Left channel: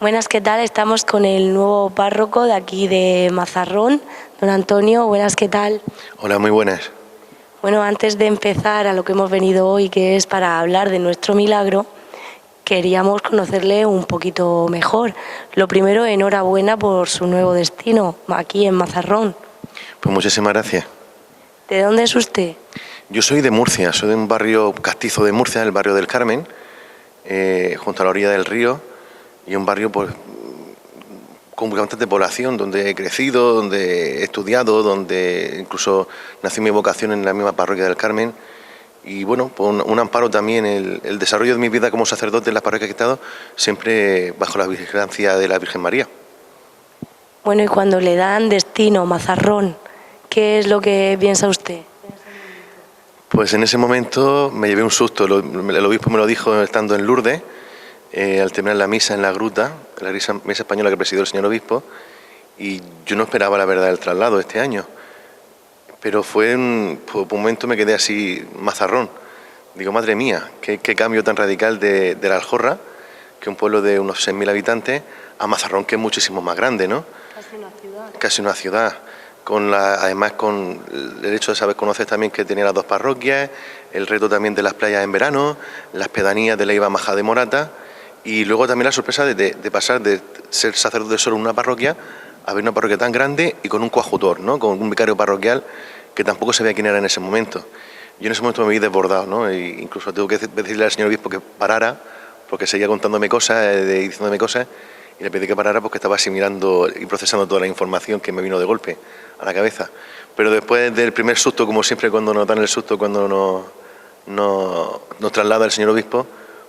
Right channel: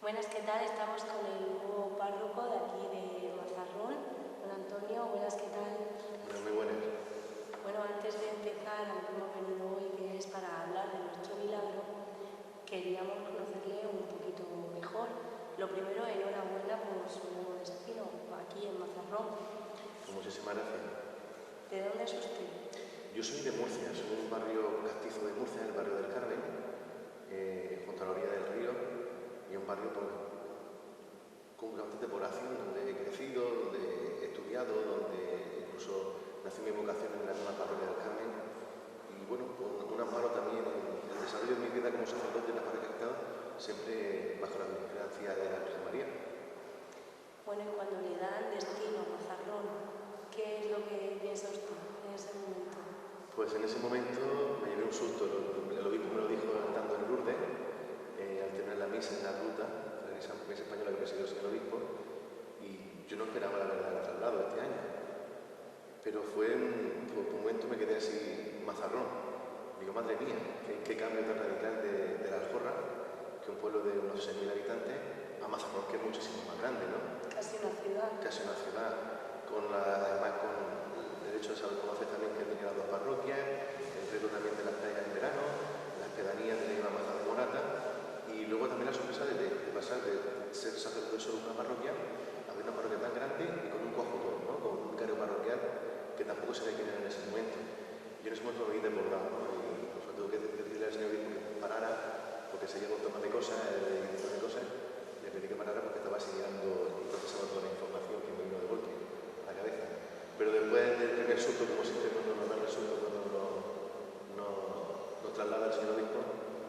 Buenas, ¿qué tal? Estamos con el nuevo párroco de aquí de Mazarrón, don Antonio. Buenas, ¿qué tal? Hola, muy buenas. Bueno, antes de empezar a lo que hemos venido hoy, que es para hablar de nuestro milagro, queríamos conocerle un poquito mejor. Lo primero, enhorabuena por su nuevo destino, aquí en Mazarrón. Pues muchísimas gracias. ¿De dónde es usted? Yo soy de Murcia, soy de un barrio castizo de Murcia, el barrio del Carmen, junto a la orilla del río, y un barrio pues con bastante población, donde he crecido, donde he estudiado, donde incluso nació mi vocación en la misma parroquia del Carmen. Y bueno, pues un amparo también, el desarrollo de mi vida como sacerdote en las parroquias que he estado, siempre bajo la vigilancia de la Virgen María. Bueno, y cuando le dan destino, Mazarrón, ¿qué es lo que piensa usted? Pues en ese momento me llevé un susto. El obispo me lo dijo estando en Lourdes, al terminar la misa en la gruta, la misa española que presidió el señor obispo, y yo no esperaba la verdad del traslado este año. Pero por un momento me quedé así, Mazarrón. Digo, madre mía, qué cambio tan radical de la Aljorra, que un pueblo de unos 6.000 habitantes, a Mazarrón, que es muchísimo más grande, ¿no? Casi una ciudad. Casi una ciudad. Además, con el hecho de saber conocer también que tenía las dos parroquias, el reto también de las playas en verano, las pedanías de Leiva Majá de Morata, y luego también la sorpresa de pasar de ser sacerdote solo en una parroquia a ver una parroquia tan grande y con un coadjutor, ¿no? Con un vicario parroquial que tampoco sabía quién era en ese momento. Yo en ese momento me vi desbordado, ¿no? E incluso tuve que decirle al señor obispo que parara, porque seguía contándome cosas, diciéndome cosas, y le pedí que parara porque estaba asimilando y procesando toda la información que me vino de golpe a la cabeza. Pero después del primer susto, como siempre cuando nos dan el susto, cuando nos traslada el señor obispo,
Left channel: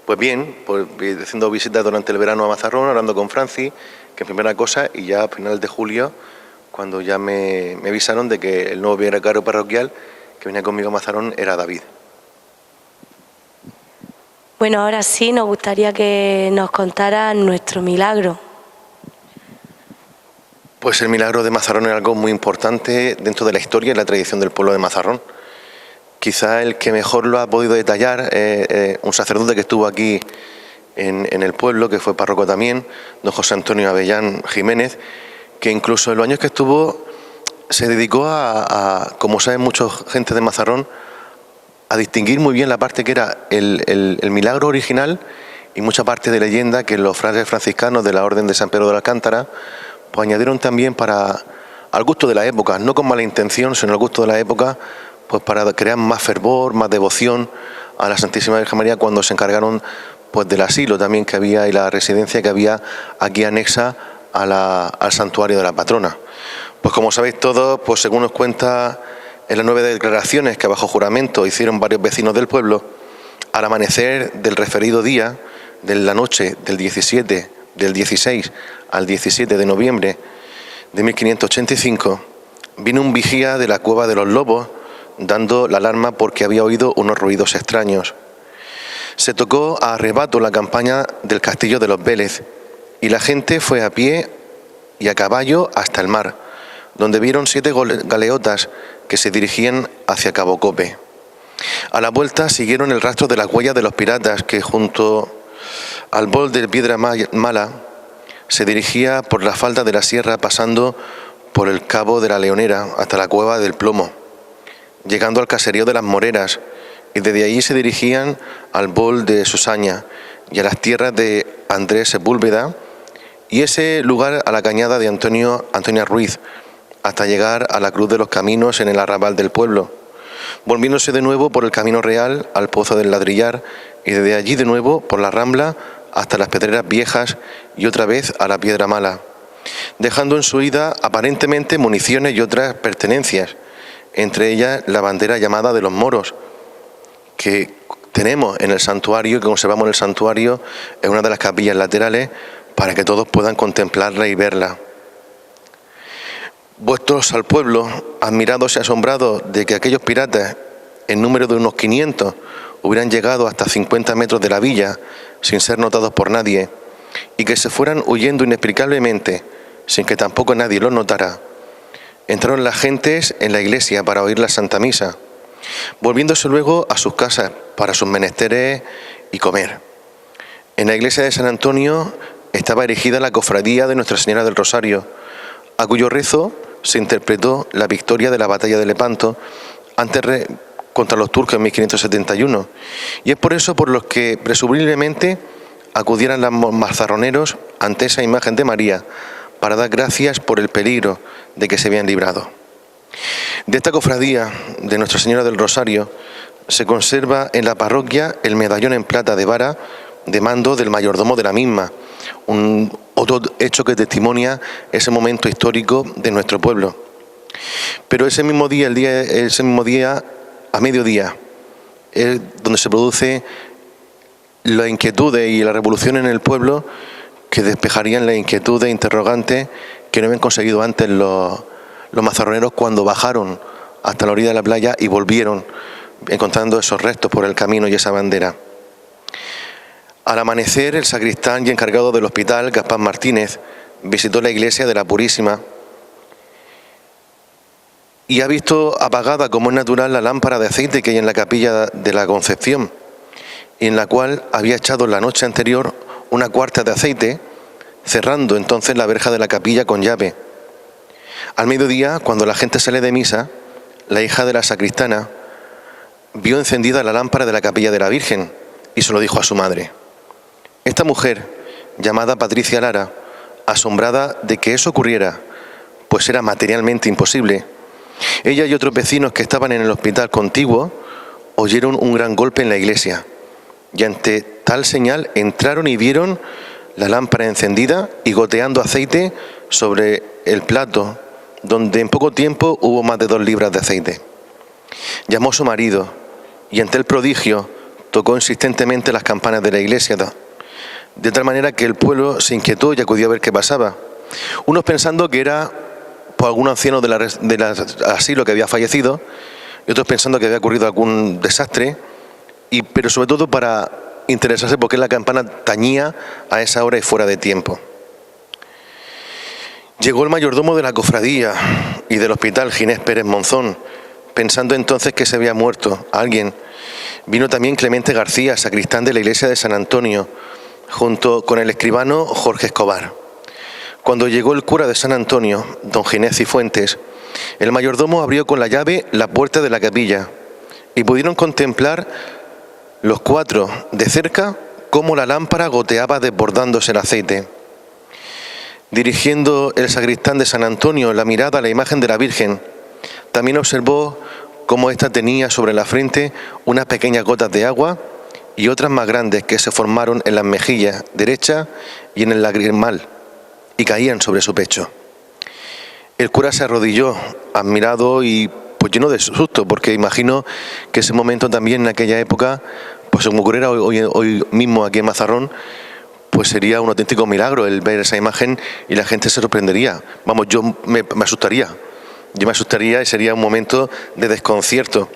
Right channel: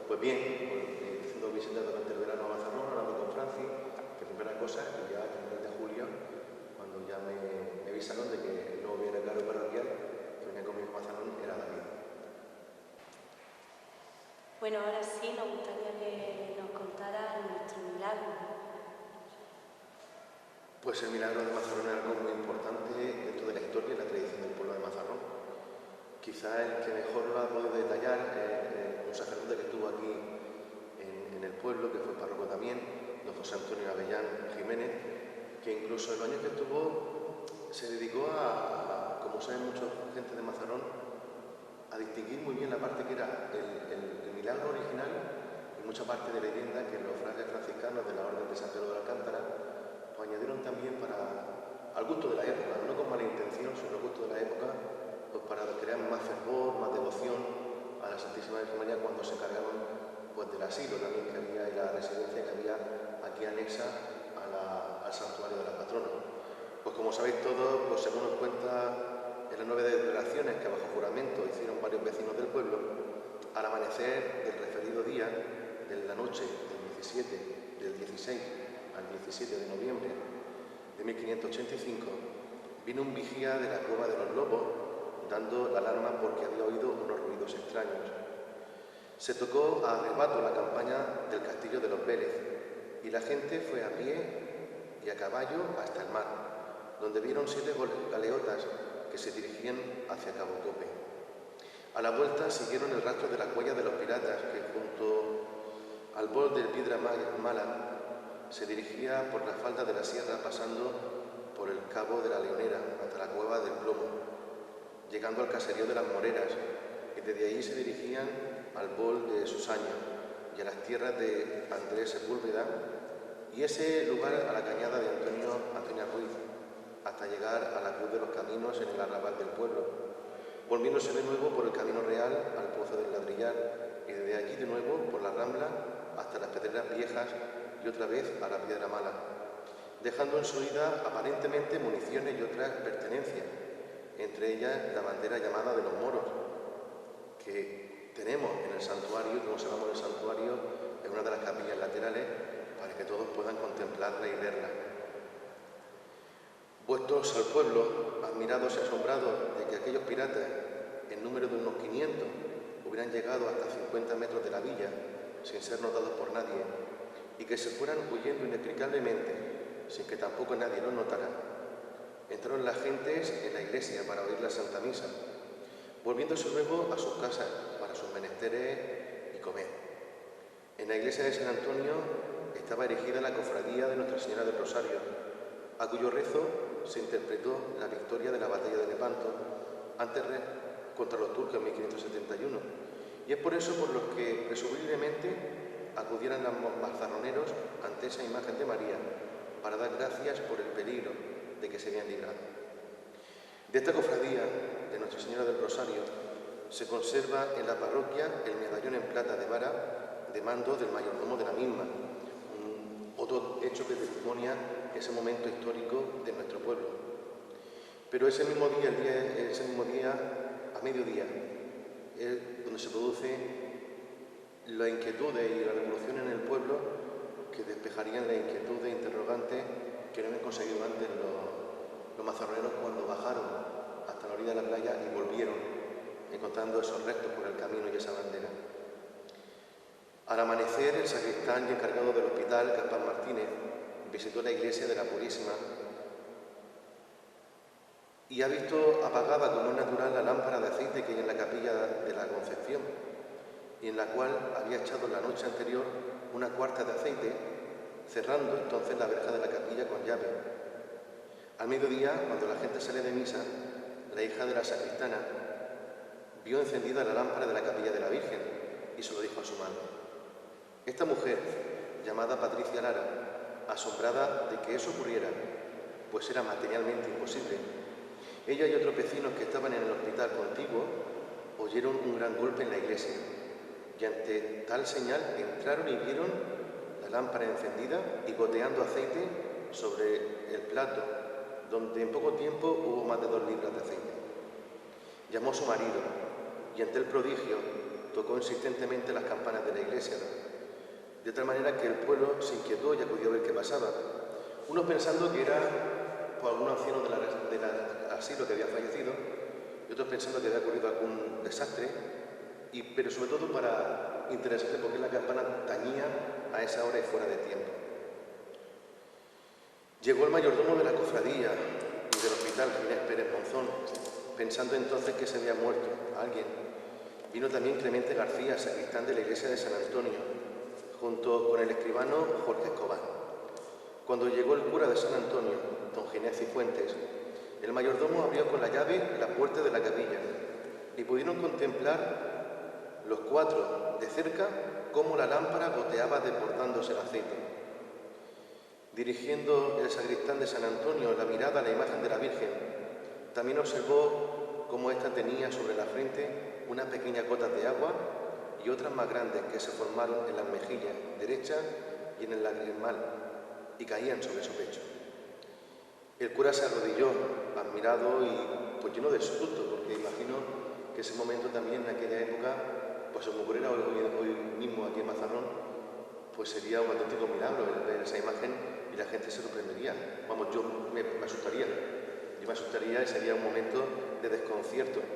pues bien, pues haciendo visitas durante el verano a Mazarrón, hablando con Francis, que primera cosa, y ya a finales de julio, cuando ya me avisaron de que el nuevo vicario parroquial que venía conmigo a Mazarrón era David. Bueno, ahora sí nos gustaría que nos contara nuestro milagro. Pues el milagro de Mazarrón es algo muy importante dentro de la historia y la tradición del pueblo de Mazarrón. Quizá el que mejor lo ha podido detallar un sacerdote que estuvo aquí en el pueblo, que fue párroco también, don José Antonio Avellán Jiménez, que incluso en los años que estuvo se dedicó como saben mucha gente de Mazarrón, a distinguir muy bien la parte que era el milagro original y mucha parte de leyenda que los frailes franciscanos de la Orden de San Pedro de Alcántara pues añadieron también al gusto de la época, no con mala intención, sino al gusto de la época, pues para crear más fervor, más devoción a la Santísima Virgen María cuando se encargaron pues del asilo también que había y la residencia que había aquí anexa al santuario de la patrona. Pues como sabéis todos, pues según nos cuenta en las 9 declaraciones que bajo juramento hicieron varios vecinos del pueblo, al amanecer del referido día, de la noche del 17 del 16 al 17 de noviembre de 1585, vino un vigía de la Cueva de los Lobos dando la alarma porque había oído unos ruidos extraños. Se tocó a arrebato la campaña del castillo de los Vélez y la gente fue a pie y a caballo hasta el mar, donde vieron 7 galeotas que se dirigían hacia Cabo Cope. A la vuelta siguieron el rastro de las huellas de los piratas que junto al bol de Piedra Mala se dirigía por la falda de la sierra pasando por el cabo de la Leonera hasta la Cueva del Plomo, llegando al caserío de las Moreras, y desde allí se dirigían al bol de Susaña y a las tierras de Andrés Sepúlveda y ese lugar a la cañada de Antonia Ruiz, hasta llegar a la Cruz de los Caminos en el arrabal del pueblo, volviéndose de nuevo por el Camino Real al Pozo del Ladrillar y desde allí de nuevo por la Rambla hasta las Pedreras Viejas y otra vez a la Piedra Mala, dejando en su ida aparentemente municiones y otras pertenencias, entre ellas la bandera llamada de los moros, que tenemos en el santuario, que conservamos en el santuario, en una de las capillas laterales, para que todos puedan contemplarla y verla. Vuestros al pueblo, admirados y asombrados de que aquellos piratas, en número de unos 500, hubieran llegado hasta 50 metros de la villa, sin ser notados por nadie, y que se fueran huyendo inexplicablemente, sin que tampoco nadie lo notara, entraron las gentes en la iglesia para oír la Santa Misa, volviéndose luego a sus casas para sus menesteres y comer. En la iglesia de San Antonio estaba erigida la cofradía de Nuestra Señora del Rosario, a cuyo rezo se interpretó la victoria de la batalla de Lepanto contra los turcos en 1571, y es por eso por los que presumiblemente acudieran los mazarroneros ante esa imagen de María para dar gracias por el peligro de que se habían librado. De esta cofradía de Nuestra Señora del Rosario se conserva en la parroquia el medallón en plata de vara de mando del mayordomo de la misma, otro hecho que testimonia ese momento histórico de nuestro pueblo. Pero ese mismo día a mediodía, es donde se produce la inquietud y la revolución en el pueblo que despejarían las inquietudes e interrogantes que no habían conseguido antes los mazarroneros cuando bajaron hasta la orilla de la playa y volvieron encontrando esos restos por el camino y esa bandera. Al amanecer, el sacristán y encargado del hospital, Gaspar Martínez, visitó la iglesia de la Purísima y ha visto apagada, como es natural, la lámpara de aceite que hay en la capilla de la Concepción, en la cual había echado la noche anterior una cuarta de aceite, cerrando entonces la verja de la capilla con llave. Al mediodía, cuando la gente sale de misa, la hija de la sacristana vio encendida la lámpara de la capilla de la Virgen y se lo dijo a su madre. Esta mujer, llamada Patricia Lara, asombrada de que eso ocurriera, pues era materialmente imposible, ella y otros vecinos que estaban en el hospital contiguo oyeron un gran golpe en la iglesia y ante tal señal entraron y vieron la lámpara encendida y goteando aceite sobre el plato, donde en poco tiempo hubo más de 2 libras de aceite. Llamó a su marido y ante el prodigio tocó insistentemente las campanas de la iglesia, de tal manera que el pueblo se inquietó y acudió a ver qué pasaba. Unos pensando que era por algún anciano del asilo que había fallecido, y otros pensando que había ocurrido algún desastre, pero sobre todo para interesarse por qué la campana tañía a esa hora y fuera de tiempo. Llegó el mayordomo de la cofradía y del hospital, Ginés Pérez Monzón, pensando entonces que se había muerto alguien. Vino también Clemente García, sacristán de la iglesia de San Antonio, junto con el escribano Jorge Escobar. Cuando llegó el cura de San Antonio, don Ginés Cifuentes, el mayordomo abrió con la llave la puerta de la capilla y pudieron contemplar los 4 de cerca cómo la lámpara goteaba desbordándose el aceite. Dirigiendo el sacristán de San Antonio la mirada a la imagen de la Virgen, también observó cómo ésta tenía sobre la frente unas pequeñas gotas de agua y otras más grandes que se formaron en las mejillas derecha y en el lagrimal y caían sobre su pecho. El cura se arrodilló, admirado y pues lleno de susto, porque imagino que ese momento también en aquella época, pues como ocurriera hoy mismo aquí en Mazarrón, pues sería un auténtico milagro el ver esa imagen y la gente se sorprendería. Vamos, yo me asustaría. Yo me asustaría y sería un momento de desconcierto.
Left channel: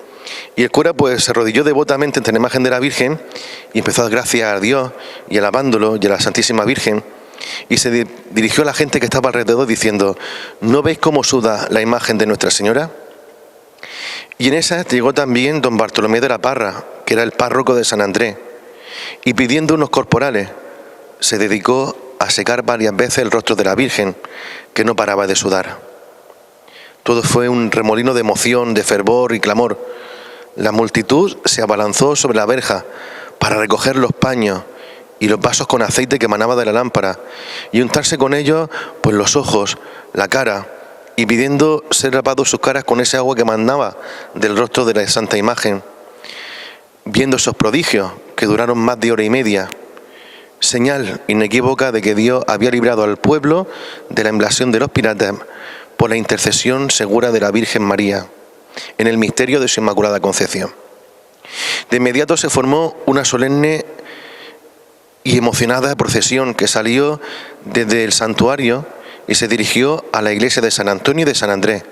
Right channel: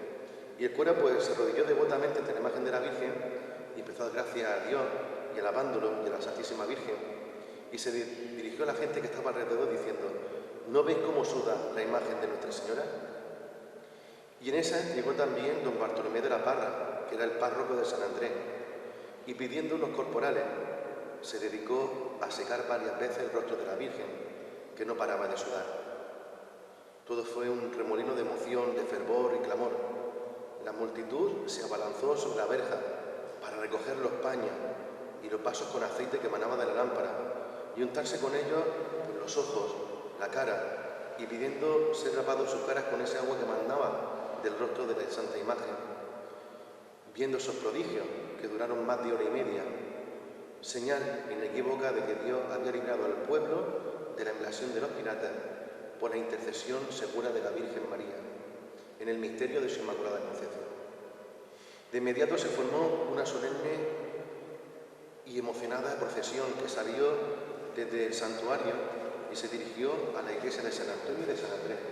Y el cura pues se arrodilló devotamente ante la imagen de la Virgen y empezó a dar gracias a Dios y alabándolo y a la Santísima Virgen. Y se dirigió a la gente que estaba alrededor diciendo: ¿no veis cómo suda la imagen de Nuestra Señora? Y en esa llegó también don Bartolomé de la Parra, que era el párroco de San Andrés, y pidiendo unos corporales, se dedicó a secar varias veces el rostro de la Virgen, que no paraba de sudar. Todo fue un remolino de emoción, de fervor y clamor. La multitud se abalanzó sobre la verja para recoger los paños y los vasos con aceite que emanaba de la lámpara y untarse con ellos pues los ojos, la cara, y pidiendo ser lavados sus caras con ese agua que emanaba del rostro de la Santa Imagen. Viendo esos prodigios que duraron más de hora y media, señal inequívoca de que Dios había librado al pueblo de la invasión de los piratas por la intercesión segura de la Virgen María, en el misterio de su Inmaculada Concepción. De inmediato se formó una solemne y emocionada procesión que salió desde el santuario y se dirigió a la iglesia de San Antonio y de San Andrés,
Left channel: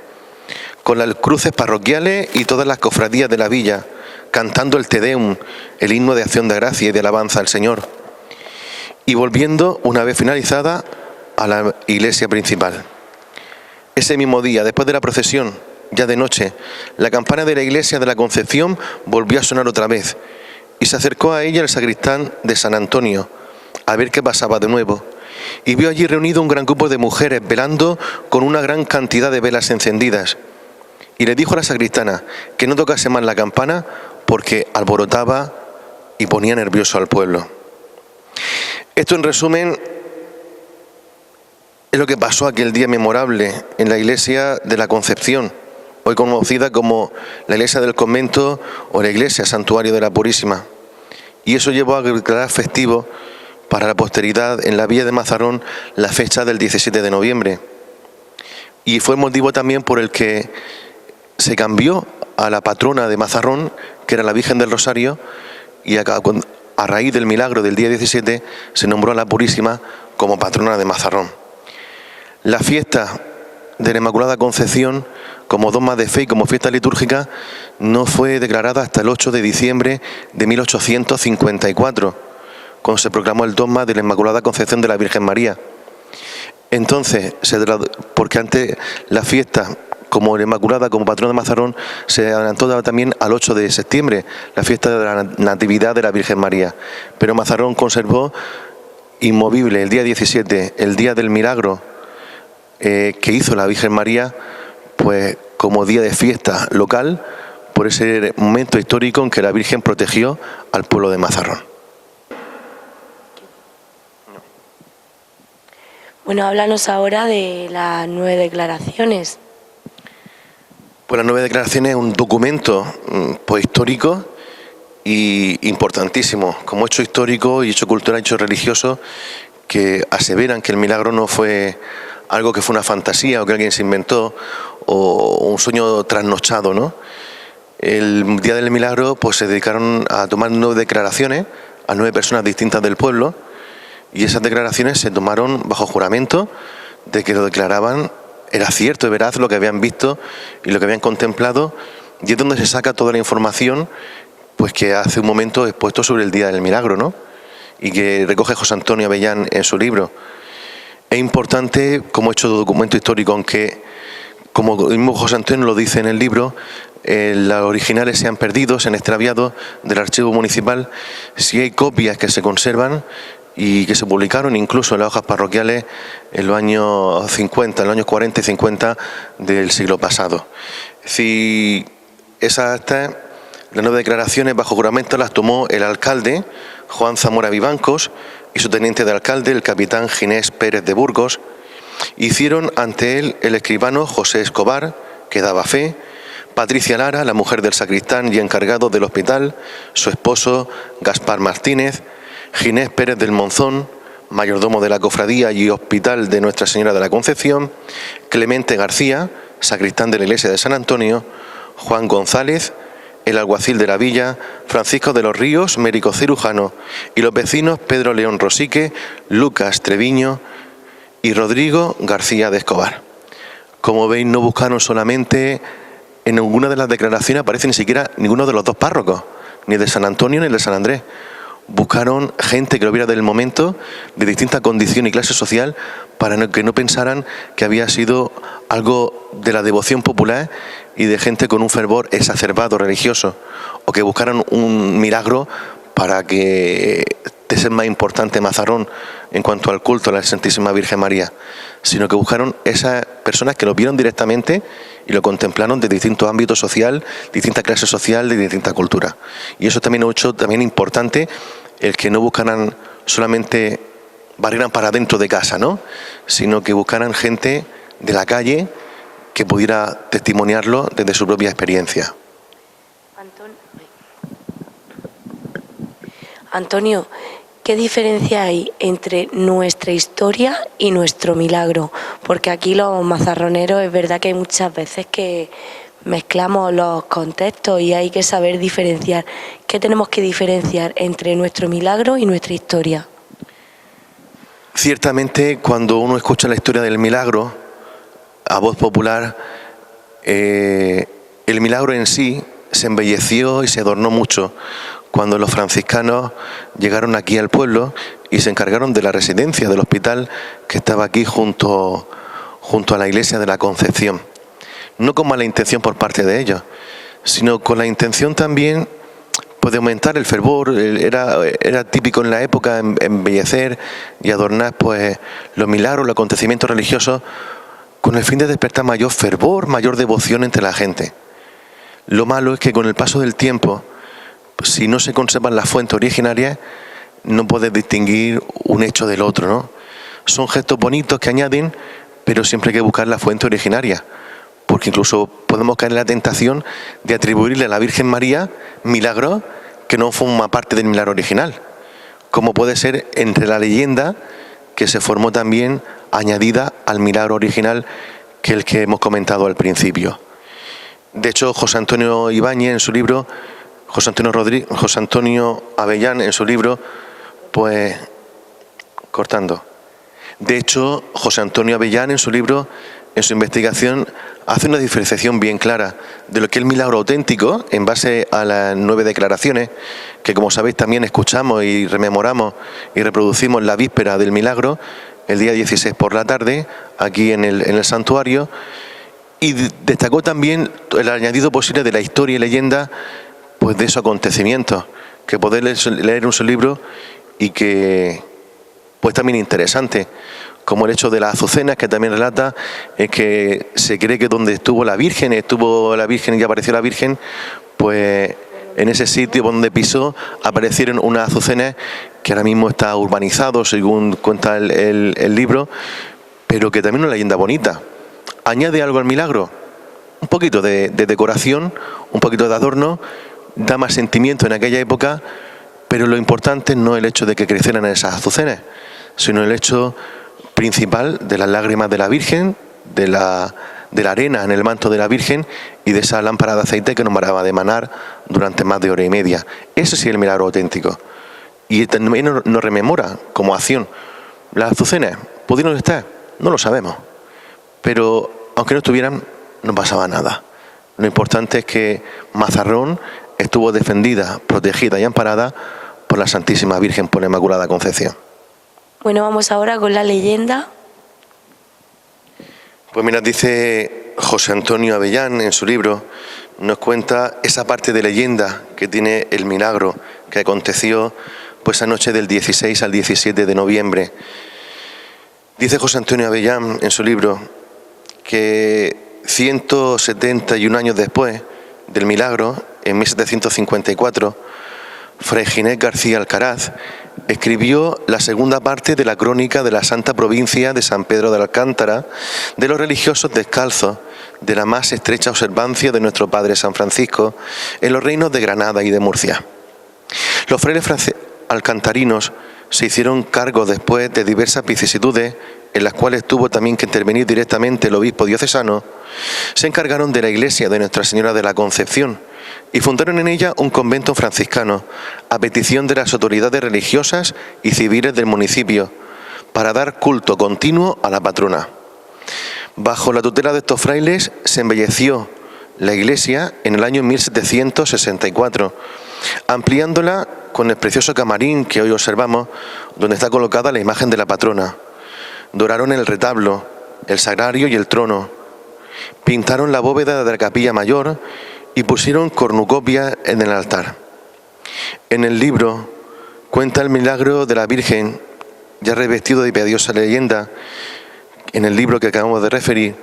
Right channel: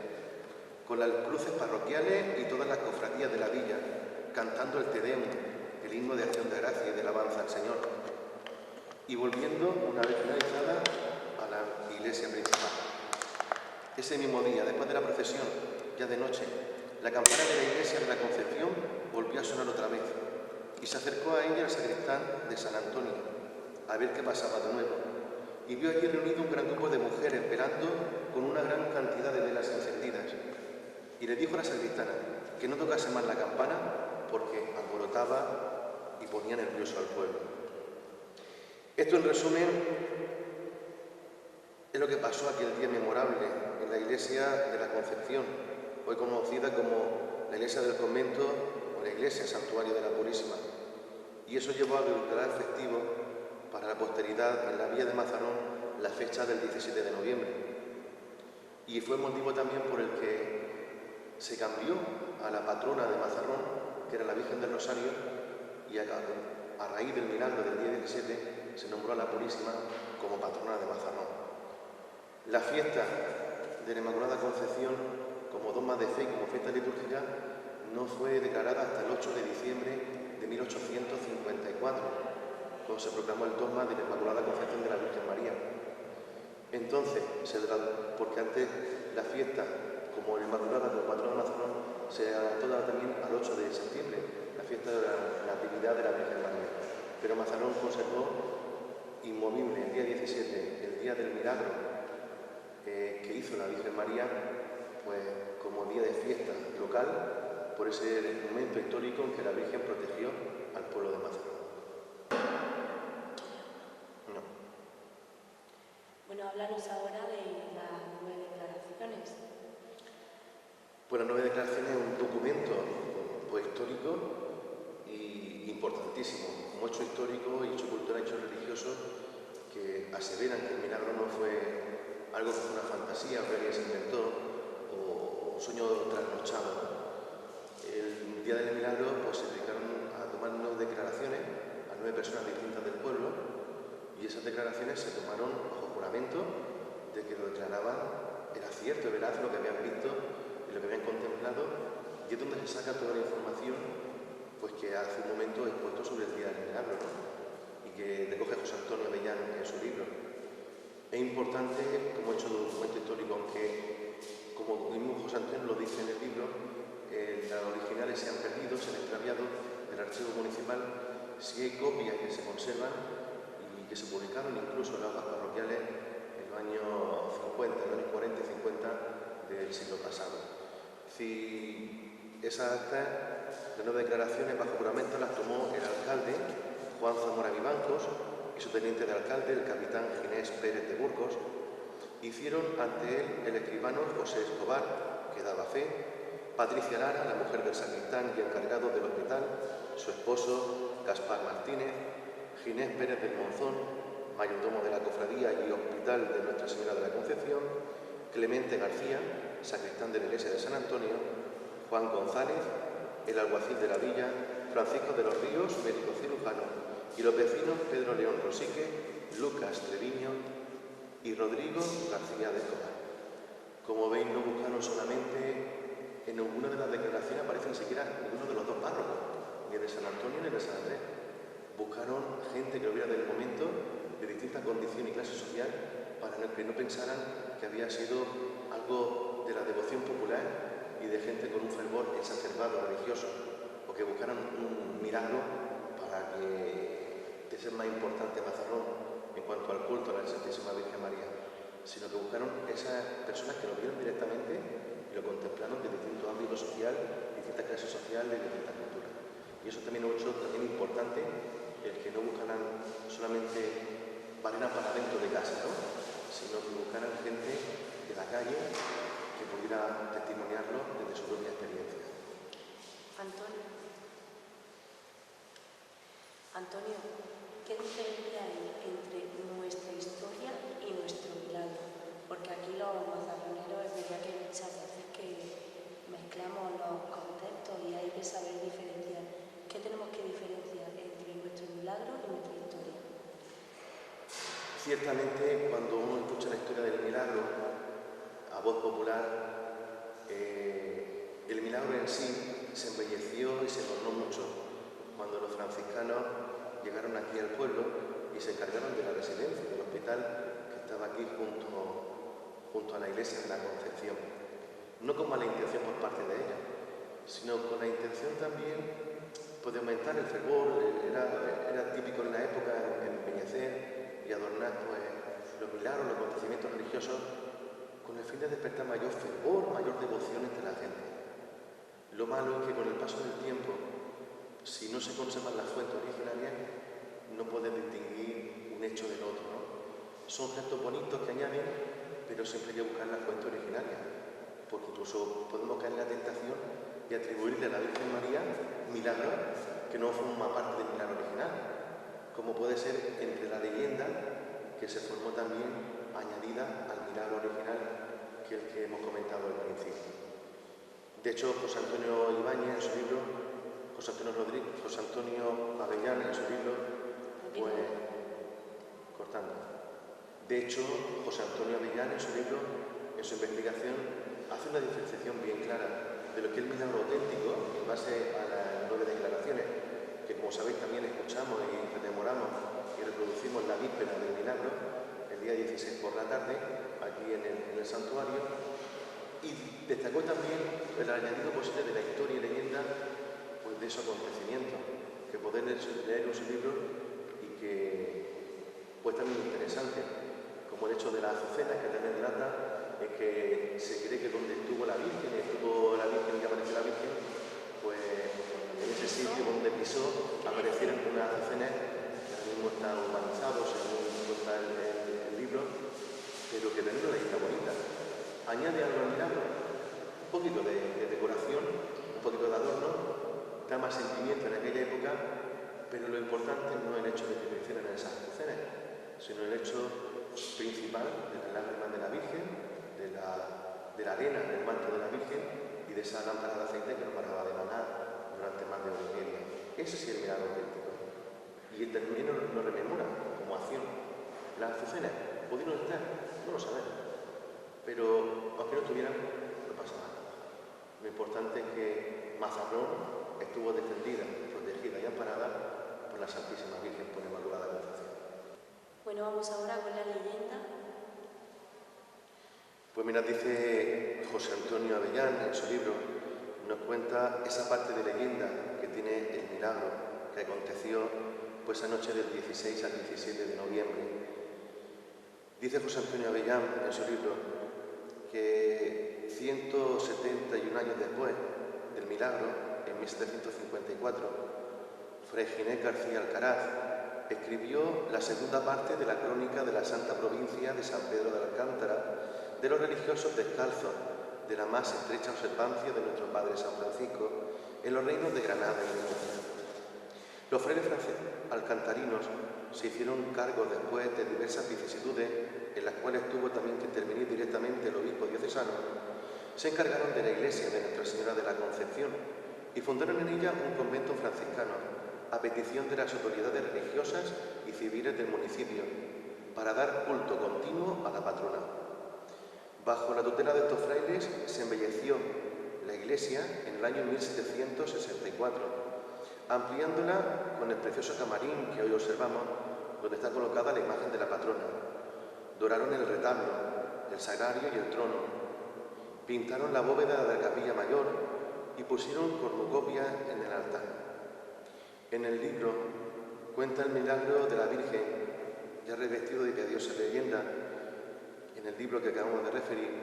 con las cruces parroquiales y todas las cofradías de la villa, cantando el Te Deum, el himno de acción de gracia y de alabanza al Señor, y volviendo, una vez finalizada, a la iglesia principal. Ese mismo día, después de la procesión, ya de noche, la campana de la iglesia de la Concepción volvió a sonar otra vez y se acercó a ella el sacristán de San Antonio a ver qué pasaba de nuevo, y vio allí reunido un gran grupo de mujeres velando con una gran cantidad de velas encendidas, y le dijo a la sacristana que no tocase más la campana porque alborotaba y ponía nervioso al pueblo. Esto, en resumen, es lo que pasó aquel día memorable en la iglesia de la Concepción, hoy conocida como la iglesia del convento o la iglesia santuario de la Purísima. Y eso llevó a declarar festivo para la posteridad en la villa de Mazarrón la fecha del 17 de noviembre. Y fue motivo también por el que se cambió a la patrona de Mazarrón, que era la Virgen del Rosario, y a raíz del milagro del día 17 se nombró a la Purísima como patrona de Mazarrón. La fiesta de la Inmaculada Concepción, como dogma de fe y como fiesta litúrgica, no fue declarada hasta el 8 de diciembre de 1854, cuando se proclamó el dogma de la Inmaculada Concepción de la Virgen María. Entonces, porque antes la fiesta como la Inmaculada, como patrona de Mazarrón, se adelantó también al 8 de septiembre, la fiesta de la Natividad de la Virgen María. Pero Mazarrón conservó inmovible el día 17, el día del milagro que hizo la Virgen María, pues como día de fiesta local, por ese momento histórico en que la Virgen protegió al pueblo de Mazarrón. Bueno, háblanos ahora de las 9 declaraciones. Pues las 9 declaraciones es un documento pues histórico y importantísimo, como hecho histórico y hecho cultural, hecho religioso, que aseveran que el milagro no fue algo que fue una fantasía o que alguien se inventó o un sueño trasnochado, ¿no? El día del milagro pues se dedicaron a tomar 9 declaraciones a 9 personas distintas del pueblo, y esas declaraciones se tomaron bajo juramento de que lo declaraban era cierto y veraz lo que habían visto y lo que habían contemplado, y es donde se saca toda la información pues que hace un momento expuesto sobre el día del milagro, ¿no? Y que recoge José Antonio Avellán en su libro. Es importante como hecho de documento histórico, aunque como el mismo José Antonio lo dice en el libro, los originales se han perdido, se han extraviado del archivo municipal. Sí hay copias que se conservan y que se publicaron incluso en las hojas parroquiales en los años 50, en los años 40 y 50 del siglo pasado. Si las 9 declaraciones bajo juramento las tomó el alcalde Juan Zamora Vivancos y su teniente de alcalde, el capitán Ginés Pérez de Burgos. Hicieron ante él el escribano José Escobar, que daba fe, Patricia Lara, la mujer del sacristán y encargado del hospital, su esposo Gaspar Martínez, Ginés Pérez del Monzón, mayordomo de la cofradía y hospital de Nuestra Señora de la Concepción, Clemente García, sacristán de la iglesia de San Antonio, Juan González, el alguacil de la villa, Francisco de los Ríos, médico cirujano, y los vecinos Pedro León Rosique, Lucas Treviño y Rodrigo García de Escobar. Como veis, no buscaron solamente, en ninguna de las declaraciones aparece ni siquiera ninguno de los dos párrocos, ni de San Antonio ni de San Andrés. Buscaron gente que lo viera del momento, de distinta condición y clase social, para que no pensaran que había sido algo de la devoción popular y de gente con un fervor exacerbado religioso, o que buscaran un milagro para que de ser más importante Mazarrón en cuanto al culto a la Santísima Virgen María, sino que buscaron esas personas que lo vieron directamente y lo contemplaron de distintos ámbitos social, distinta clase social, de distinta cultura. Y eso también ha hecho también importante el que no buscaran solamente barrieran para dentro de casa, ¿no?, sino que buscaran gente de la calle que pudiera testimoniarlo desde su propia experiencia. Antonio, ¿qué diferencia hay entre nuestra historia y nuestro milagro? Porque aquí los mazarroneros es verdad que hay muchas veces que mezclamos los contextos y hay que saber diferenciar. ¿Qué tenemos que diferenciar entre nuestro milagro y nuestra historia? Ciertamente, cuando uno escucha la historia del milagro a voz popular, el milagro en sí se embelleció y se adornó mucho cuando los franciscanos llegaron aquí al pueblo y se encargaron de la residencia del hospital que estaba aquí junto a la iglesia de la Concepción. No con mala intención por parte de ellos, sino con la intención también pues, de aumentar el fervor. Era típico en la época embellecer y adornar pues, los milagros, los acontecimientos religiosos, con el fin de despertar mayor fervor, mayor devoción entre la gente. Lo malo es que con el paso del tiempo, si no se conservan las fuentes originarias, no puedes distinguir un hecho del otro, ¿no? Son gestos bonitos que añaden, pero siempre hay que buscar la fuente originaria, porque incluso podemos caer en la tentación de atribuirle a la Virgen María milagros que no forman parte del milagro original, como puede ser entre la leyenda que se formó también añadida al milagro original que el que hemos comentado al principio. De hecho, José Antonio Ibáñez en su libro, José Antonio Avellán en su libro, pues, De hecho, José Antonio Avellán en su libro, en su investigación, hace una diferenciación bien clara de lo que es el milagro auténtico en base a las 9 declaraciones, que como sabéis también escuchamos y rememoramos y reproducimos la víspera del milagro, el día 16 por la tarde, aquí en el santuario, y destacó también el añadido posible de la historia y leyenda pues de esos acontecimientos, que poder leer en su libro y que pues también interesante, como el hecho de las azucenas, que también relata que se cree que donde estuvo la Virgen y apareció la Virgen, pues en ese sitio donde pisó aparecieron unas azucenas que ahora mismo está urbanizado, según cuenta el libro, pero que también es una leyenda bonita. ¿Añade algo al milagro? Un poquito de decoración, un poquito de adorno, da más sentimiento en aquella época, pero lo importante no es el hecho de que crecieran esas azucenas, sino el hecho principal de las lágrimas de la Virgen, de la arena en el manto de la Virgen y de esa lámpara de aceite que nos paraba de emanar durante más de hora y media. Ese sí es el milagro auténtico. Y también nos rememora como acción. Las azucenas, ¿pudieron estar? No lo sabemos. Pero aunque no estuvieran, no pasaba nada. Lo importante es que Mazarrón estuvo defendida, protegida y amparada por la Santísima Virgen por la Inmaculada Concepción. Bueno, vamos ahora con la leyenda. Pues mira, dice José Antonio Avellán en su libro, nos cuenta esa parte de leyenda que tiene el milagro que aconteció pues esa noche del 16 al 17 de noviembre. Dice José Antonio Avellán en su libro que 171 años después del milagro, en 1754, Fray Ginés García Alcaraz escribió la segunda parte de la crónica de la Santa Provincia de San Pedro de Alcántara, de los religiosos descalzos, de la más estrecha observancia de nuestro Padre San Francisco en los reinos de Granada y de Murcia. Los frailes alcantarinos se hicieron cargo después de diversas vicisitudes, en las cuales tuvo también que intervenir directamente el obispo diocesano. Se encargaron de la iglesia de Nuestra Señora de la Concepción y fundaron en ella un convento franciscano a petición de las autoridades religiosas y civiles del municipio para dar culto continuo a la patrona. Bajo la tutela de estos frailes se embelleció la iglesia en el año 1764, ampliándola con el precioso camarín que hoy observamos, donde está colocada la imagen de la patrona. Doraron el retablo, el sagrario y el trono. Pintaron la bóveda de la capilla mayor y pusieron cornucopia en el altar. En el libro cuenta el milagro de la Virgen, ya revestido de piadosa leyenda, en el libro que acabamos de referir,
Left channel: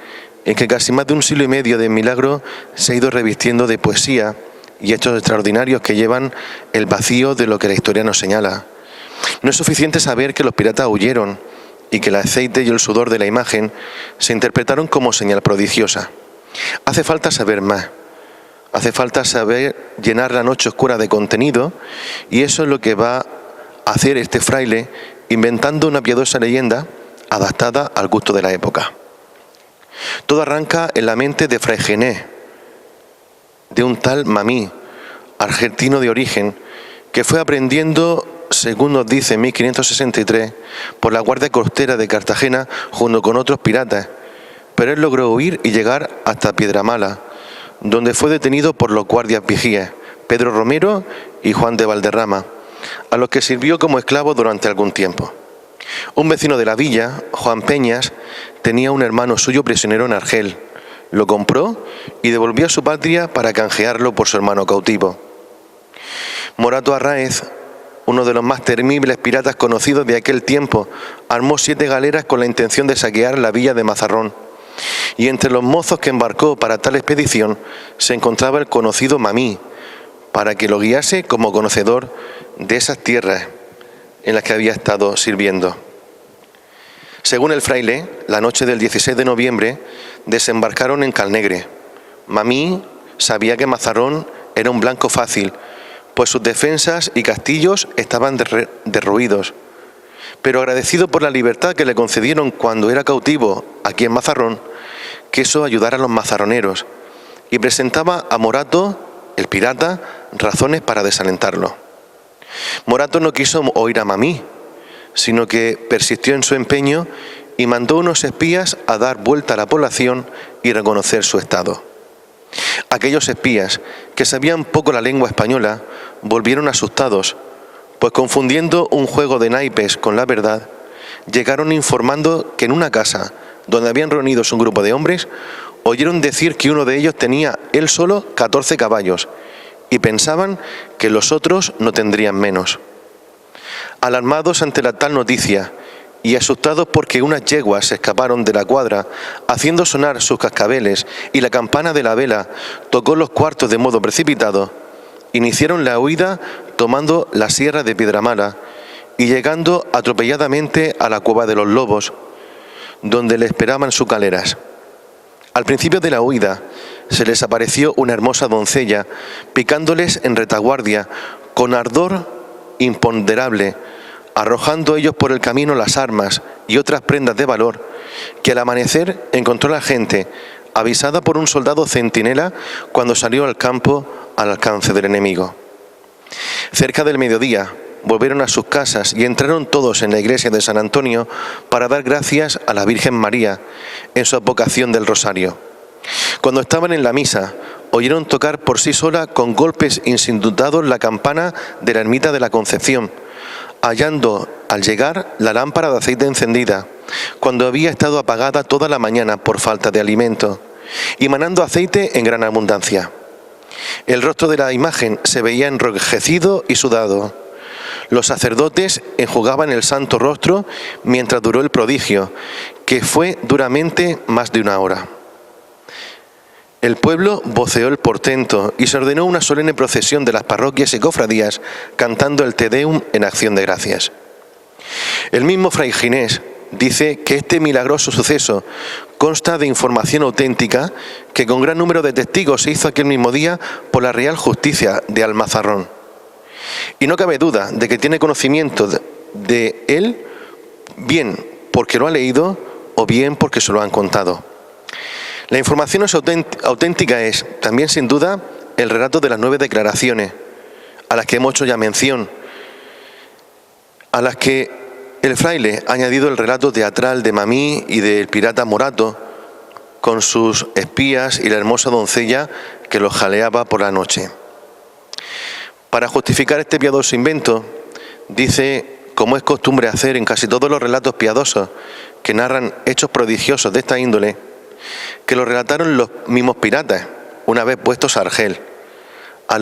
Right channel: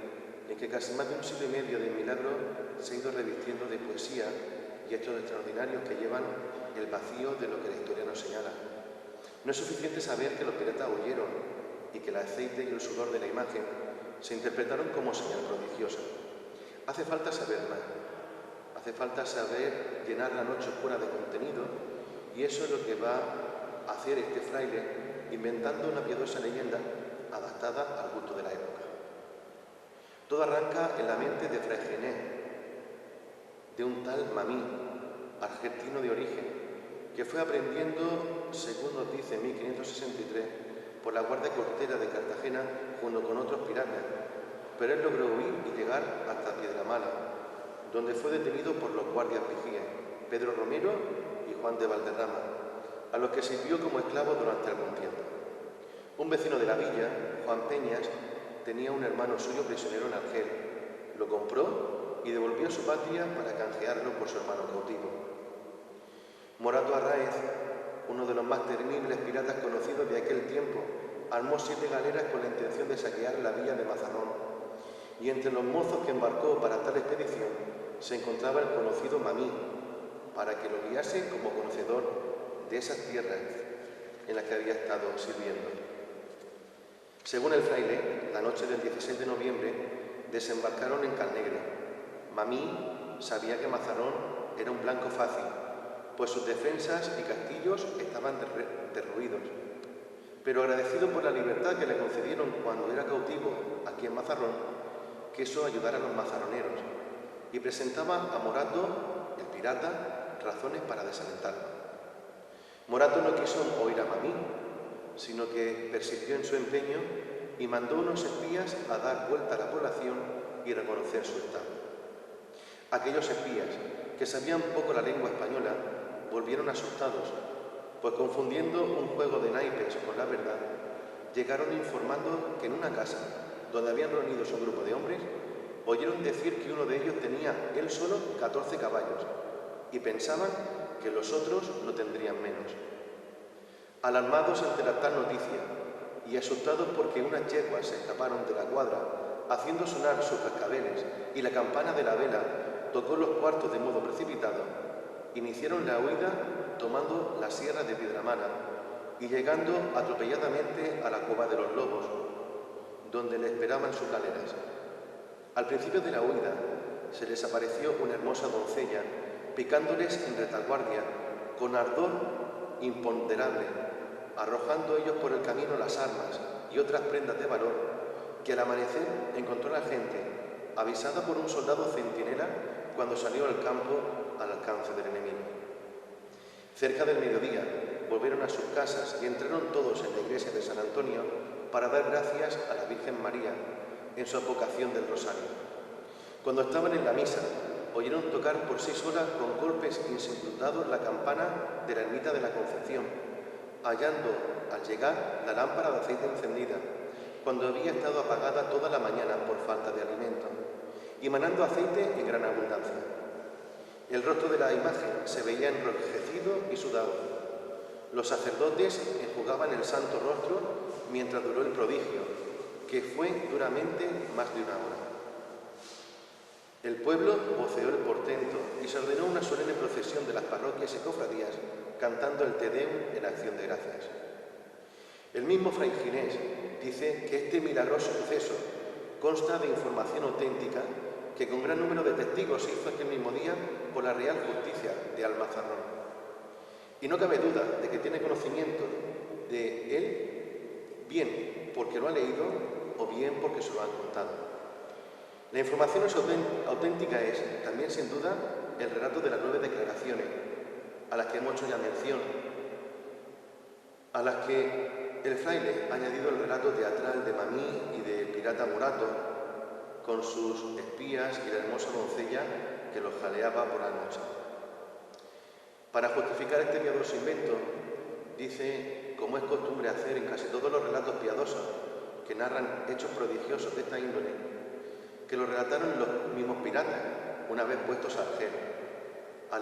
en que casi más de un siglo y medio de milagro se ha ido revistiendo de poesía y hechos extraordinarios que llevan el vacío de lo que la historia nos señala. No es suficiente saber que los piratas huyeron y que el aceite y el sudor de la imagen se interpretaron como señal prodigiosa. Hace falta saber más. Hace falta saber llenar la noche oscura de contenido, y eso es lo que va a hacer este fraile, inventando una piadosa leyenda adaptada al gusto de la época. Todo arranca en la mente de Fray Genés, de un tal Mamí, argentino de origen, que fue aprendiendo, según nos dice en 1563, por la Guardia Costera de Cartagena junto con otros piratas, pero él logró huir y llegar hasta Piedramala, donde fue detenido por los guardias vigías, Pedro Romero y Juan de Valderrama, a los que sirvió como esclavo durante algún tiempo. Un vecino de la villa, Juan Peñas, tenía un hermano suyo prisionero en Argel. Lo compró y devolvió a su patria para canjearlo por su hermano cautivo. Morato Arráez, uno de los más temibles piratas conocidos de aquel tiempo, armó 7 galeras con la intención de saquear la villa de Mazarrón. Y entre los mozos que embarcó para tal expedición se encontraba el conocido Mamí, para que lo guiase como conocedor de esas tierras en las que había estado sirviendo. Según el fraile, la noche del 16 de noviembre desembarcaron en Calnegre. Mamí sabía que Mazarrón era un blanco fácil, pues sus defensas y castillos estaban derruidos. Pero agradecido por la libertad que le concedieron cuando era cautivo aquí en Mazarrón, quiso ayudar a los mazarroneros y presentaba a Morato, el pirata, razones para desalentarlo. Morato no quiso oír a Mamí, sino que persistió en su empeño y mandó unos espías a dar vuelta a la población y reconocer su estado. Aquellos espías, que sabían poco la lengua española, volvieron asustados, pues confundiendo un juego de naipes con la verdad, llegaron informando que en una casa donde habían reunidos un grupo de hombres, oyeron decir que uno de ellos tenía él solo 14 caballos y pensaban que los otros no tendrían menos. Alarmados ante la tal noticia y asustados porque unas yeguas se escaparon de la cuadra haciendo sonar sus cascabeles y la campana de la vela tocó los cuartos de modo precipitado, iniciaron la huida tomando la sierra de Piedramala y llegando atropelladamente a la cueva de los lobos, donde le esperaban sus galeras. Al principio de la huida se les apareció una hermosa doncella picándoles en retaguardia con ardor imponderable, arrojando ellos por el camino las armas y otras prendas de valor que al amanecer encontró la gente, avisada por un soldado centinela cuando salió al campo al alcance del enemigo. Cerca del mediodía volvieron a sus casas y entraron todos en la iglesia de San Antonio para dar gracias a la Virgen María en su advocación del rosario. Cuando estaban en la misa, oyeron tocar por sí sola con golpes insindutados la campana de la ermita de la Concepción, hallando al llegar la lámpara de aceite encendida, cuando había estado apagada toda la mañana por falta de alimento, y manando aceite en gran abundancia. El rostro de la imagen se veía enrojecido y sudado. Los sacerdotes enjugaban el santo rostro mientras duró el prodigio, que fue duramente más de 1 hora. El pueblo voceó el portento y se ordenó una solemne procesión de las parroquias y cofradías cantando el Te Deum en acción de gracias. El mismo Fray Ginés dice que este milagroso suceso consta de información auténtica que con gran número de testigos se hizo aquel mismo día por la Real Justicia de Almazarrón. Y no cabe duda de que tiene conocimiento de él, bien porque lo ha leído o bien porque se lo han contado. La información auténtica es también sin duda el relato de las 9 declaraciones, a las que hemos hecho ya mención, a las que el fraile ha añadido el relato teatral de Mamí y del pirata Morato, con sus espías y la hermosa doncella que los jaleaba por la noche. Para justificar este piadoso invento, dice, como es costumbre hacer en casi todos los relatos piadosos que narran hechos prodigiosos de esta índole, que lo relataron los mismos piratas, una vez puestos a Argel,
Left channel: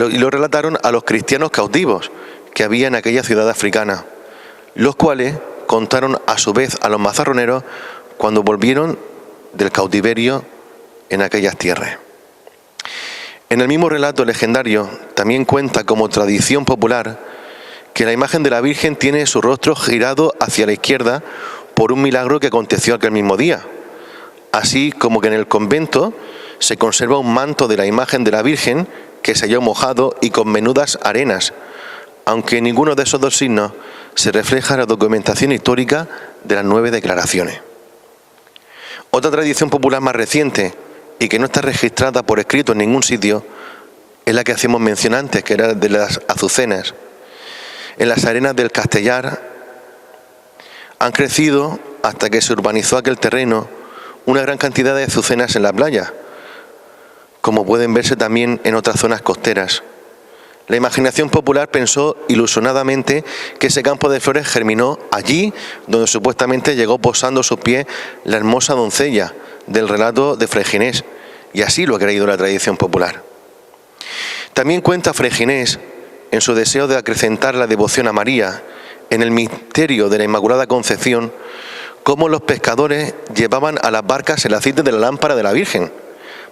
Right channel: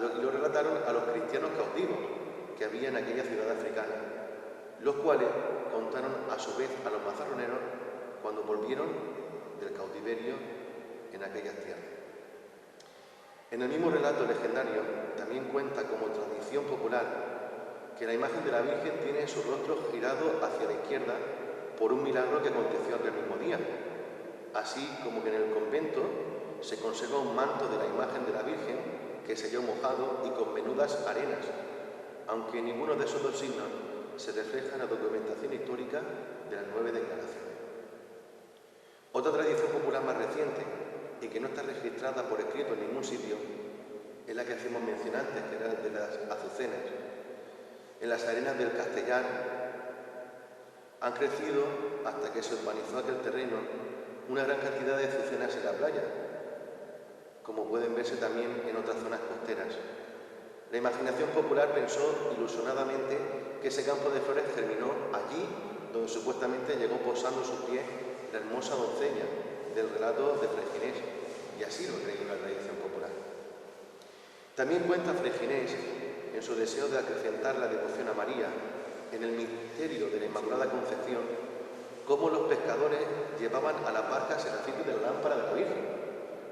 y lo relataron a los cristianos cautivos que había en aquella ciudad africana, los cuales contaron a su vez a los mazarroneros cuando volvieron del cautiverio en aquellas tierras. En el mismo relato legendario también cuenta como tradición popular que la imagen de la Virgen tiene su rostro girado hacia la izquierda por un milagro que aconteció aquel mismo día, así como que en el convento se conserva un manto de la imagen de la Virgen que se halló mojado y con menudas arenas, aunque ninguno de esos dos signos se refleja en la documentación histórica de las 9 declaraciones. Otra tradición popular más reciente y que no está registrada por escrito en ningún sitio es la que hacíamos mención antes, que era de las azucenas. En las arenas del Castellar han crecido, hasta que se urbanizó aquel terreno, una gran cantidad de azucenas en la playa, como pueden verse también en otras zonas costeras. La imaginación popular pensó ilusionadamente que ese campo de flores germinó allí donde supuestamente llegó posando sus pies la hermosa doncella del relato de Fray Ginés, y así lo ha creído la tradición popular. También cuenta Fray Ginés, en su deseo de acrecentar la devoción a María, en el misterio de la Inmaculada Concepción, cómo los pescadores llevaban a las barcas el aceite de la lámpara de la Virgen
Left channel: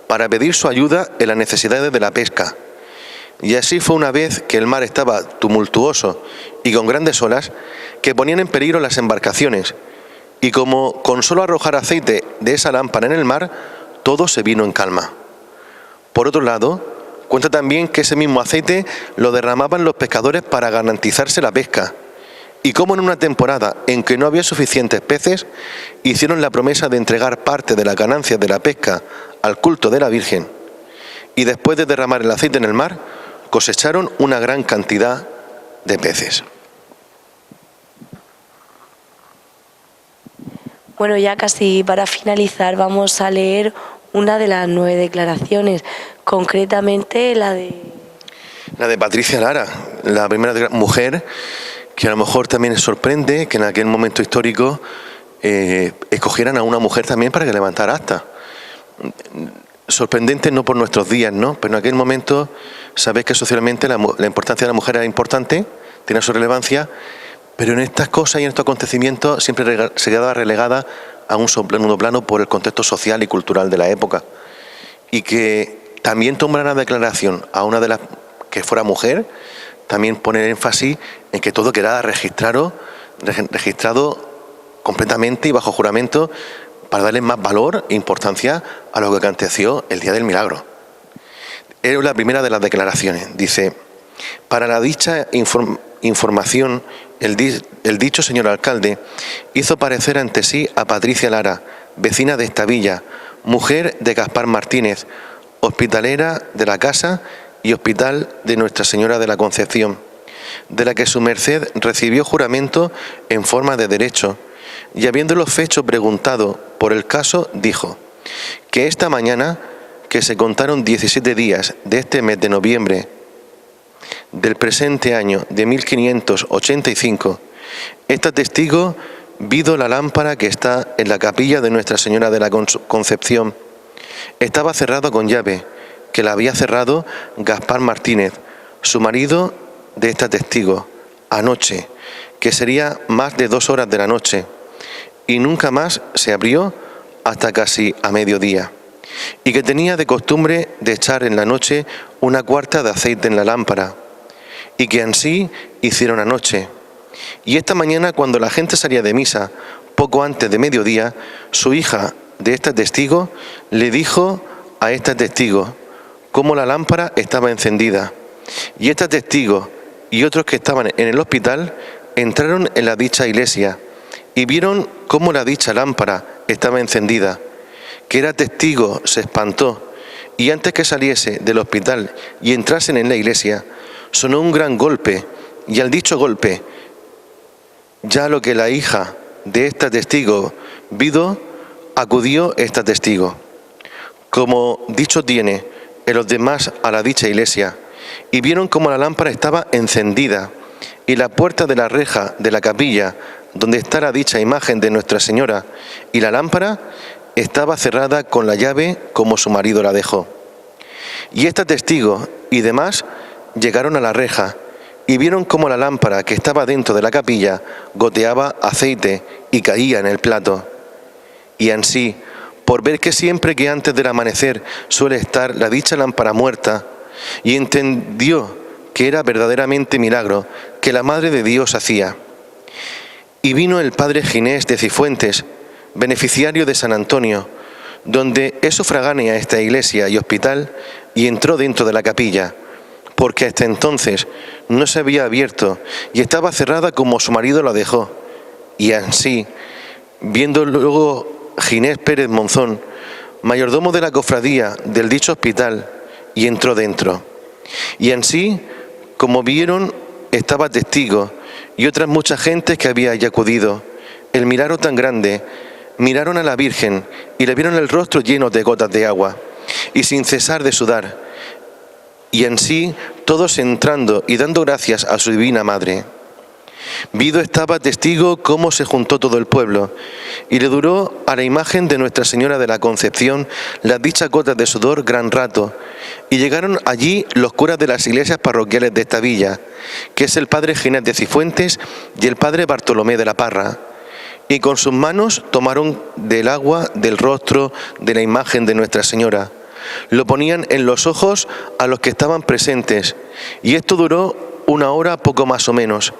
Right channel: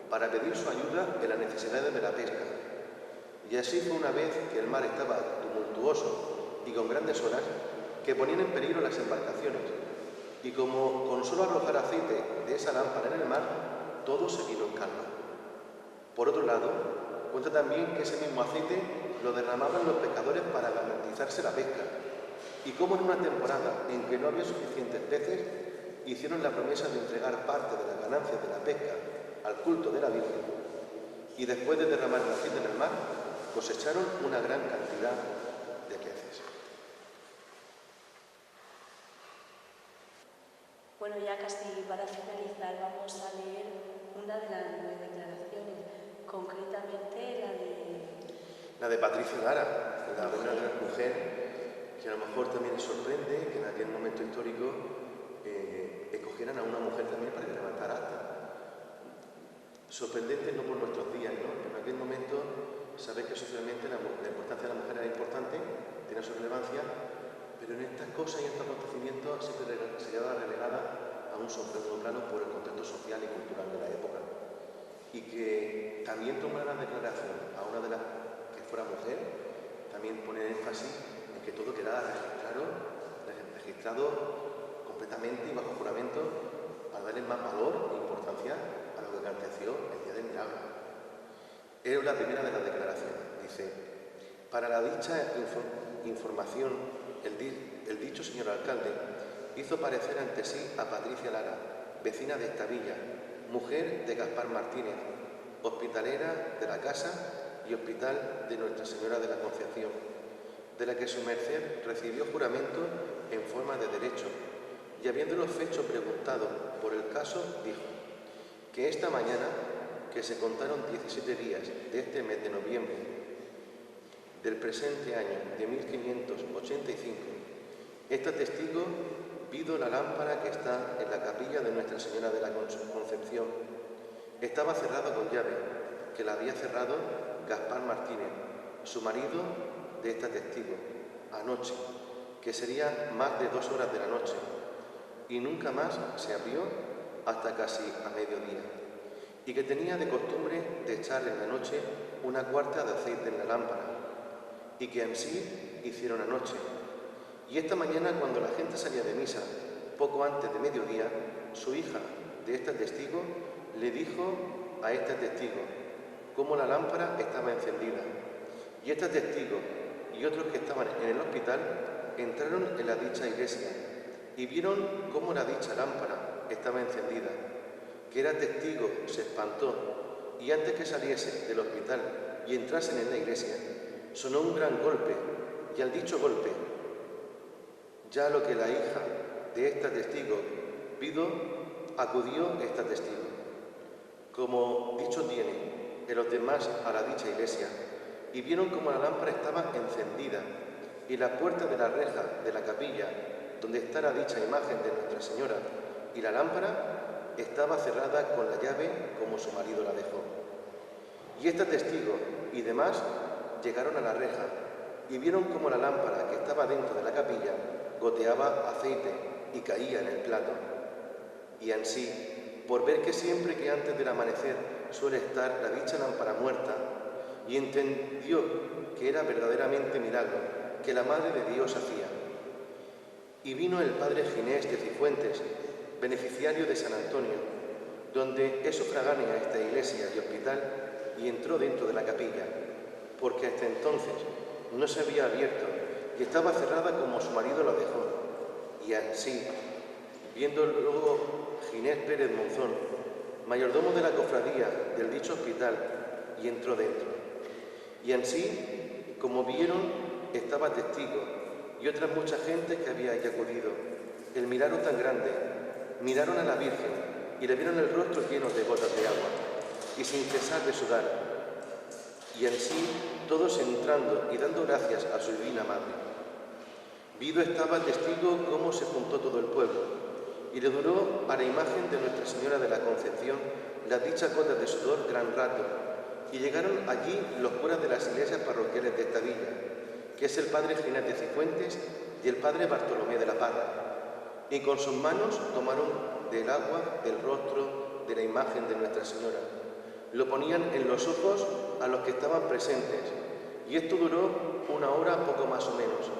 para pedir su ayuda en las necesidades de la pesca. Y así fue una vez que el mar estaba tumultuoso y con grandes olas que ponían en peligro las embarcaciones, y como con solo arrojar aceite de esa lámpara en el mar, todo se vino en calma. Por otro lado, cuenta también que ese mismo aceite lo derramaban los pescadores para garantizarse la pesca, y como en una temporada en que no había suficientes peces, hicieron la promesa de entregar parte de las ganancias de la pesca al culto de la Virgen, y después de derramar el aceite en el mar, cosecharon una gran cantidad de peces. Bueno, ya casi para finalizar vamos a leer una de las 9 declaraciones, concretamente la de Patricia Lara, la primera mujer que a lo mejor también sorprende que en aquel momento histórico escogieran a una mujer también para que levantara acta. Sorprendente no por nuestros días, ¿no? Pero en aquel momento sabéis que socialmente la importancia de la mujer era importante, tiene su relevancia, pero en estas cosas y en estos acontecimientos siempre se quedaba relegada a un segundo plano por el contexto social y cultural de la época. Y que también tomara una declaración a una de las que fuera mujer, también poner énfasis en que todo quedara registrado completamente y bajo juramento, para darle más valor e importancia a lo que aconteció el día del milagro. Es la primera de las declaraciones. Dice, para la dicha información, el dicho señor alcalde hizo parecer ante sí a Patricia Lara, vecina de esta villa, mujer de Gaspar Martínez, hospitalera de la casa y hospital de Nuestra Señora de la Concepción, de la que su merced recibió juramento en forma de derecho, y habiéndolo fecho preguntado por el caso, dijo que esta mañana, que se contaron 17 días de este mes de noviembre del presente año de 1585, esta testigo vido la lámpara que está en la capilla de Nuestra Señora de la Concepción. Estaba cerrada con llave, que la había cerrado Gaspar Martínez, su marido de esta testigo, anoche, que sería más de 2 horas de la noche, y nunca más se abrió hasta casi a mediodía, y que tenía de costumbre de echar en la noche una cuarta de aceite en la lámpara, y que ansí hicieron anoche. Y esta mañana, cuando la gente salía de misa, poco antes de mediodía, su hija de esta testigo le dijo a esta testigo cómo la lámpara estaba encendida, y esta testigo y otros que estaban en el hospital entraron en la dicha iglesia y vieron cómo la dicha lámpara estaba encendida, que era testigo se espantó y antes que saliese del hospital y entrasen en la iglesia, sonó un gran golpe, y al dicho golpe, ya lo que la hija de esta testigo vido, acudió esta testigo. Como dicho tiene en los demás a la dicha iglesia, y vieron como la lámpara estaba encendida, y la puerta de la reja de la capilla, donde está la dicha imagen de Nuestra Señora, y la lámpara estaba cerrada con la llave como su marido la dejó. Y esta testigo y demás llegaron a la reja, y vieron como la lámpara que estaba dentro de la capilla goteaba aceite y caía en el plato. Y ansí, por ver que siempre que antes del amanecer suele estar la dicha lámpara muerta, y entendió que era verdaderamente milagro que la Madre de Dios hacía. Y vino el padre Ginés de Cifuentes, beneficiario de San Antonio, donde es sufragánea esta iglesia y hospital, y entró dentro de la capilla, porque hasta entonces no se había abierto y estaba cerrada como su marido la dejó. Y así, viendo luego Ginés Pérez Monzón, mayordomo de la cofradía del dicho hospital, y entró dentro. Y así, como vieron, estaba testigo y otras muchas gentes que había allí acudido. El milagro tan grande, miraron a la Virgen y le vieron el rostro lleno de gotas de agua y sin cesar de sudar. Y así, todos entrando y dando gracias a su divina Madre. Vido estaba testigo cómo se juntó todo el pueblo, y le duró a la imagen de Nuestra Señora de la Concepción las dichas gotas de sudor gran rato, y llegaron allí los curas de las iglesias parroquiales de esta villa, que es el padre Ginés de Cifuentes y el padre Bartolomé de la Parra, y con sus manos tomaron del agua del rostro de la imagen de Nuestra Señora. Lo ponían en los ojos a los que estaban presentes, y esto duró 1 hora poco más o menos.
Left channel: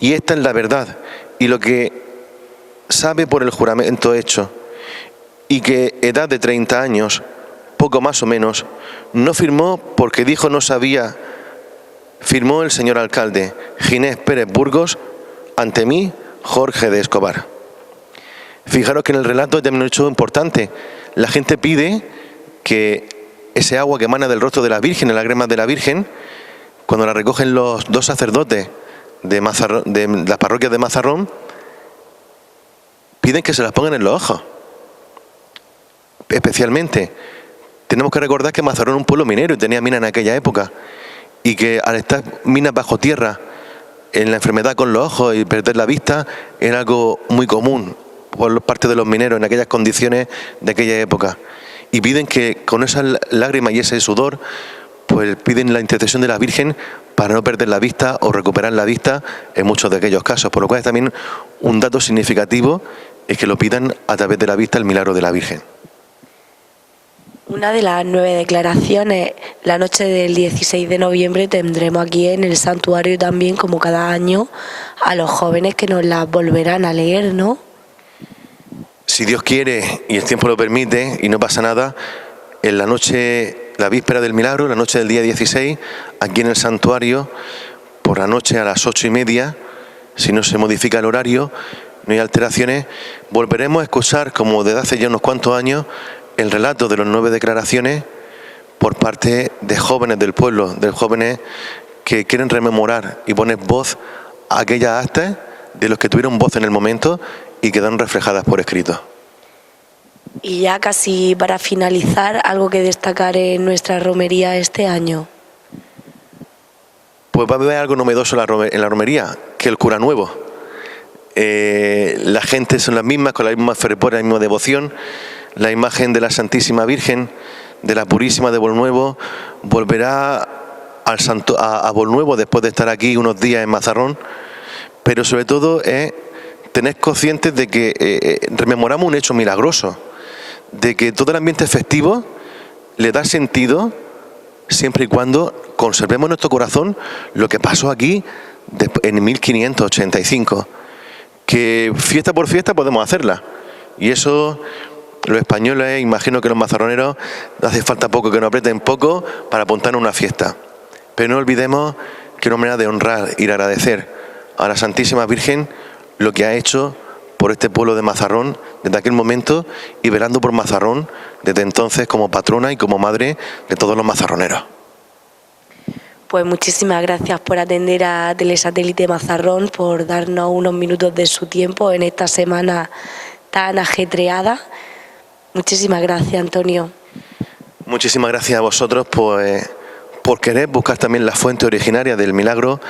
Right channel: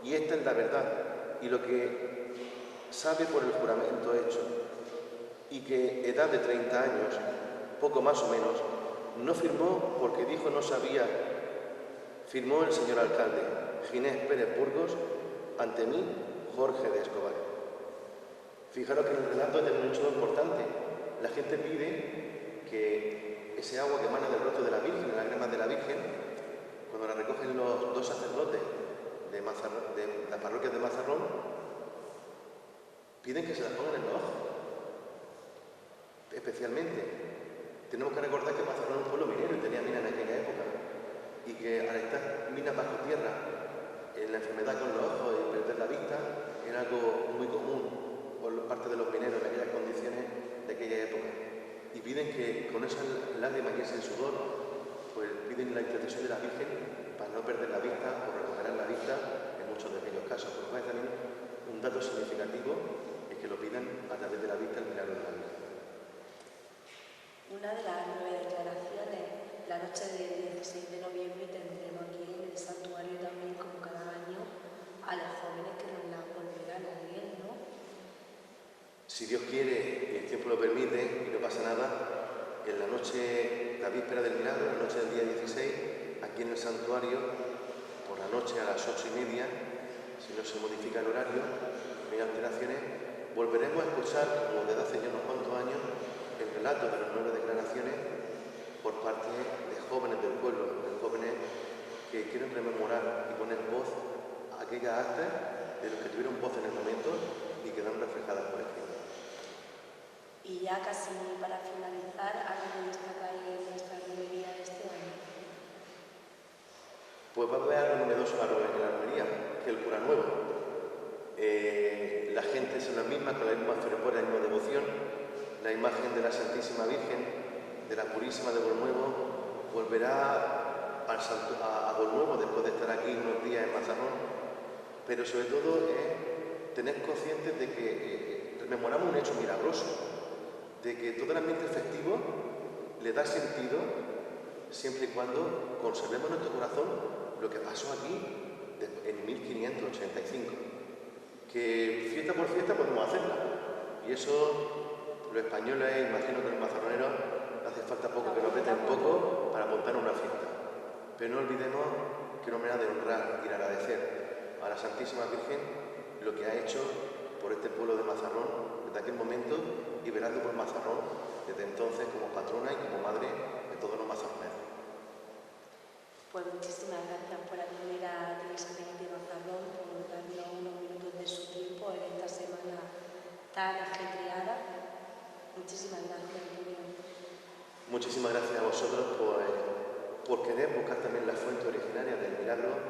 Y esta es la verdad, y lo que sabe por el juramento hecho, y que edad de 30 años, poco más o menos, no firmó porque dijo no sabía, firmó el señor alcalde, Ginés Pérez Burgos, ante mí, Jorge de Escobar. Fijaros que en el relato también un hecho importante, la gente pide que ese agua que emana del rostro de la Virgen, en las lágrimas de la Virgen, cuando la recogen los 2 sacerdotes de las parroquias de Mazarrón, piden que se las pongan en los ojos. Especialmente, tenemos que recordar que Mazarrón es un pueblo minero y tenía minas en aquella época, y que al estar minas bajo tierra, en la enfermedad con los ojos y perder la vista, era algo muy común por parte de los mineros en aquellas condiciones de aquella época. Y piden que con esas lágrimas y ese sudor, pues piden la intercesión de la Virgen para no perder la vista o recuperar la vista en muchos de aquellos casos. Por lo cual es también un dato significativo es que lo pidan a través de la vista el milagro de la Virgen. Una de las 9 declaraciones, la noche del 16 de noviembre tendremos aquí en el santuario también, como cada año, a los jóvenes que nos las volverán a leer, ¿no? Si Dios quiere y el tiempo lo permite y no pasa nada, en la noche, la víspera del milagro, la noche del día 16, aquí en el santuario, por la noche a las 8:30, si no se modifica el horario, no hay alteraciones, volveremos a escuchar, como desde hace ya unos cuantos años, el relato de las 9 declaraciones por parte de jóvenes del pueblo, de jóvenes que quieren rememorar y poner voz a aquellas actas de los que tuvieron voz en el momento y quedaron reflejadas por escrito. Y ya casi para finalizar, algo que destacar en nuestra romería este año. Pues va a haber algo novedoso en la romería, que el cura nuevo. La gente son las mismas, con la misma fervor, la misma devoción. La imagen de la Santísima Virgen, de la Purísima de Bolnuevo, volverá a Bolnuevo después de estar aquí unos días en Mazarrón, pero sobre todo tener conscientes de que rememoramos un hecho milagroso, de que todo el ambiente festivo le da sentido siempre y cuando conservemos en nuestro corazón lo que pasó aquí en 1585, que fiesta por fiesta podemos hacerla, y eso los españoles, imagino que los mazarroneros, hace falta poco que nos aprieten poco para apuntar a una fiesta, pero no olvidemos que es una manera de honrar y de agradecer a la Santísima Virgen lo que ha hecho por este pueblo de Mazarrón desde aquel momento y velando por Mazarrón desde entonces como patrona y como madre de todos los mazarroneros. Pues muchísimas gracias por atender a Telesatélite Mazarrón, por darnos unos minutos de su tiempo en esta semana tan ajetreada. Muchísimas gracias, Antonio. Muchísimas gracias a vosotros por querer buscar también la fuente originaria del milagro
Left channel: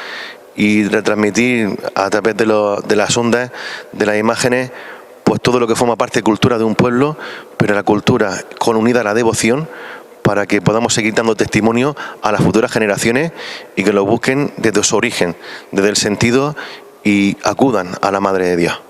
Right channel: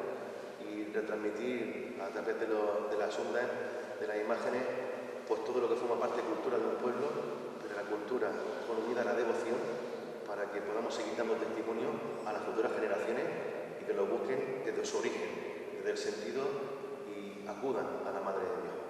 y retransmitir a través de las ondas, de las imágenes, pues todo lo que forma parte de cultura de un pueblo, pero la cultura con unida a la devoción, para que podamos seguir dando testimonio a las futuras generaciones y que lo busquen desde su origen, desde el sentido, y acudan a la Madre de Dios.